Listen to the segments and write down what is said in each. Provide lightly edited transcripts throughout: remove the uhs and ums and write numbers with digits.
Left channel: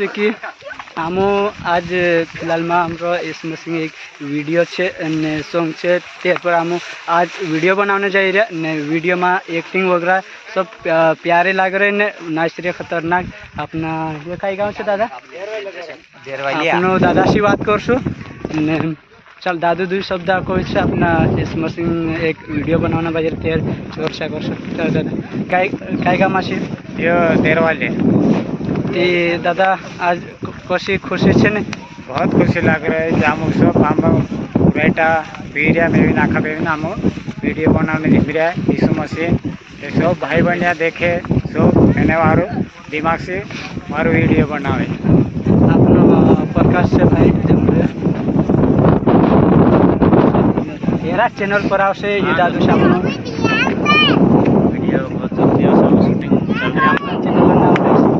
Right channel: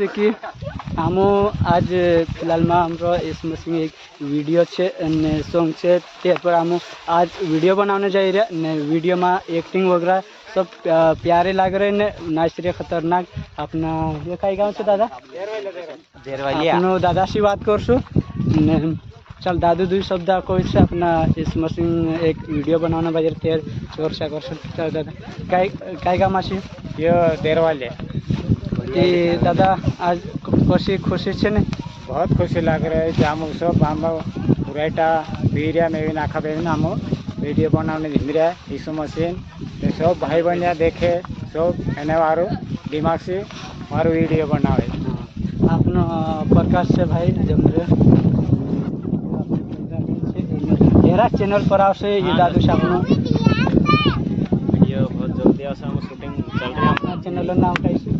છે કે આમો આજ ફિલહાલમાં અમારો એસમસિંગ એક વિડીયો છે અને સોંગ છે તે પર આમો आज वीडियो बनाने जा रहे ने वीडियो में एक्टिंग वगैरह सब प्यारे लग रहे ने नाच रहे खतरनाक अपना ये कई गाँव से दादा अपनो दादा से बात करशु ने चल दादू दुई शब्द को अपना एसमसिंग एक वीडियो बनाना बाजार तैयार चर्चा कर सकते दादा कई गाँव से ये देरवाले ते दादा आज कशी खुशी है ने बहुत खुशी लग रहा है कि हम सब हम बेटा वीडियो में भी नाखा पे हम वीडियो बनाने दिख रहा है यीशु मसीह ये सब भाई बहनिया देखे सब एने वारो दिमाग से मारो वीडियो बनावे अपना प्रकाश से भाई जमरे एरा चैनल पर आवशे ये दादू सामनो वीडियो बहुत जल्दी सब शूटिंग चल रहा है अपना चैनल नाम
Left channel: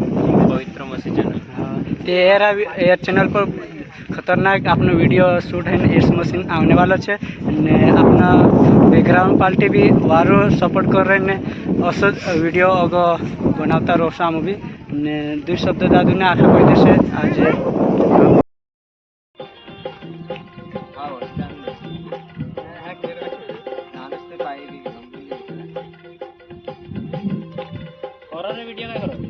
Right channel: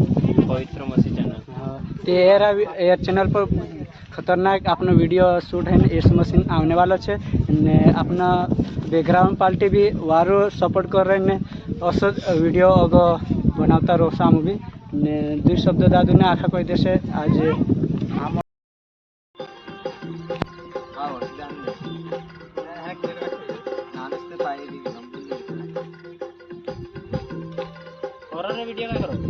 पवित्र मसीह चैनल ते एरा चैनल पर खतरनाक अपना वीडियो शूट है एस मशीन आने वाला है ने अपना बैकग्राउंड पार्टी भी वारो सपोर्ट कर रहे ने असद वीडियो अगो बनाता रोसा मूवी ने दुई शब्द दादू ने आशा कोई देशे आज वीडियो में करो